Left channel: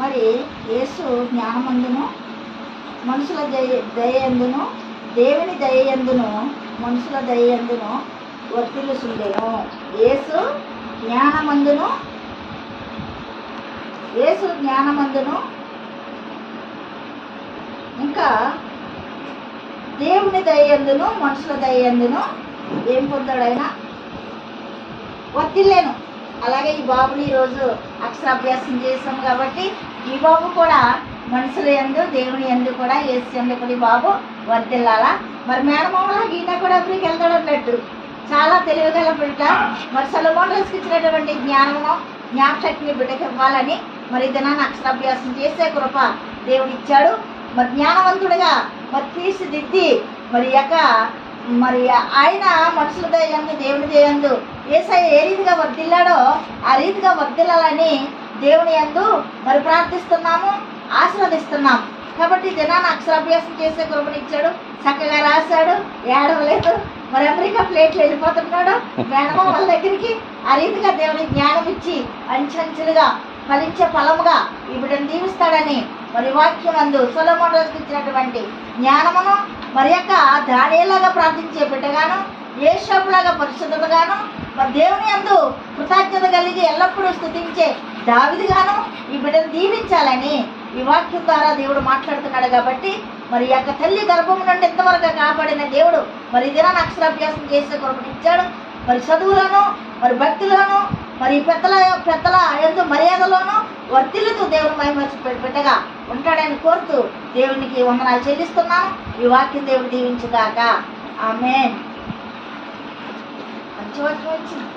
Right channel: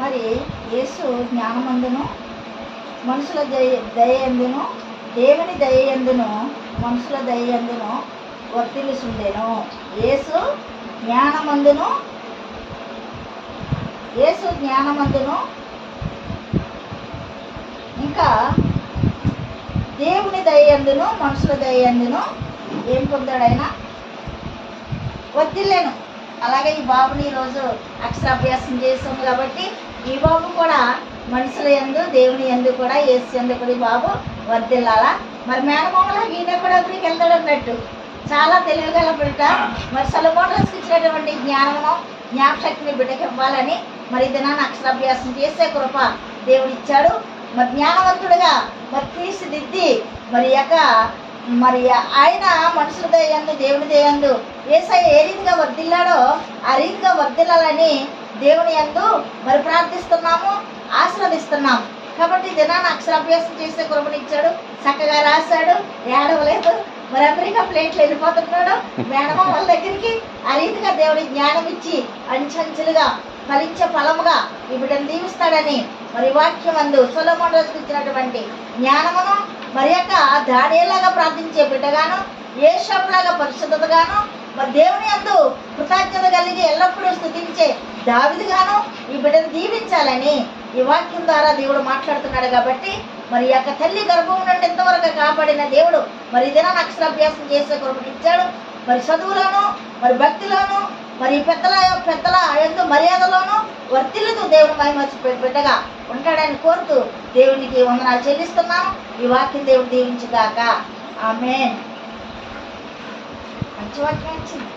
మరి యేసు జ్ఞానమందును మనుషుల దయందును దేవుని దయందును మనుషుల దయందును వర్తిల్లుచుండెను. యేసు జ్ఞానమందును ఇంకా దేవుని దయందును మనుషుల దయందును ఏం పొందాడు ఆయన? వర్తిల్లేను. అలాగే ఈ బాబుని ఈరోజు అక్షరాభ్యాసం చేసాం కాబట్టి ఈ బాబు కూడా మనుషుల యందు దేవుని యందు కూడా యేసు యందు కూడా ఈ బాబు వర్తిల్లాలా. మరి మేనమామలా ఈయన కూడా ఎప్పటికి వెళ్తాడు అన్నట్టు చాలా తెలివిగల బిడ్డ. మరి సొలొమోనుకి ఇచ్చినటువంటి జ్ఞానమును జ్ఞాపశక్తిని బిడ్డకి ఇవ్వాలని మరి దినాన్ని అక్షరాభ్యాసం చేసే కృప దేవుడు ఇచ్చాడు. మరి జ్ఞానవంతుడిగా మరి తీర్చిదిద్ది మరి ఆయన మనుషుల దయందు దేవుని దయందు యేసయ్య ఏ రీతిగా వర్ధిల్లాడో ఆ రీతిగా వర్ధిల్లాలని దేవుని యందు మరి ప్రార్థిస్తున్నాము, ఆశీర్వదిస్తున్నాము. కాబట్టి దినాన్ని అక్షరాభ్యాసం చేసే కృపనిచ్చాడు. చక్కగా రాశాడు, ఏడవలేదు. మరి అమెరికా ప్లేట్లు వెళ్ళిపోతున్నాడు మేనమామల దగ్గరికి. ఆ రీతిగా దేవుని జ్ఞానం ఇచ్చి అంచెంచెలుగా ఫలించే ఫలముగా ఈ బిడ్డను దీవిస్తాడని మరి వాక్యం అందు సొలొమోను రోజుకి ఇచ్చినటువంటి జ్ఞానమును మరి యొక్క దానియేలాగా ప్రార్థించే బిడ్డగాను, యేషాపులాగా పరిశుద్ధతగాను, మరి దేవుని యందు కృతజ్ఞత కలిగి ఎల్లప్పుడూ స్తుతించే దావీదుగాను ఈ బిడ్డను దీవించాలని ఈ వాక్యం ద్వారా దేవుడు మాట్లాడుతున్నాడు. కాబట్టి మరి యొక్క తల్లి గర్భం నుండి ఇంతవరకు కాపాడిన దేవుడు మరి దినాన్ని అక్షరాభ్యాసం చేసే కృపనిచ్చాడు. మరి చదువులోను మరి భక్తిలోను మరి పెద్దల ఎందు మర్యాదలోను వర్తిల్లుతూ దేవుని మహిమ బిడ్డగా ఉంటాడని కోరుతూ దేవునికి వందనాలు చెల్లిస్తున్నాను. ఈ వాక్యం దేవుడు దీవించుగాక. ఆమేన్. మంచి వాక్యం వచ్చింది.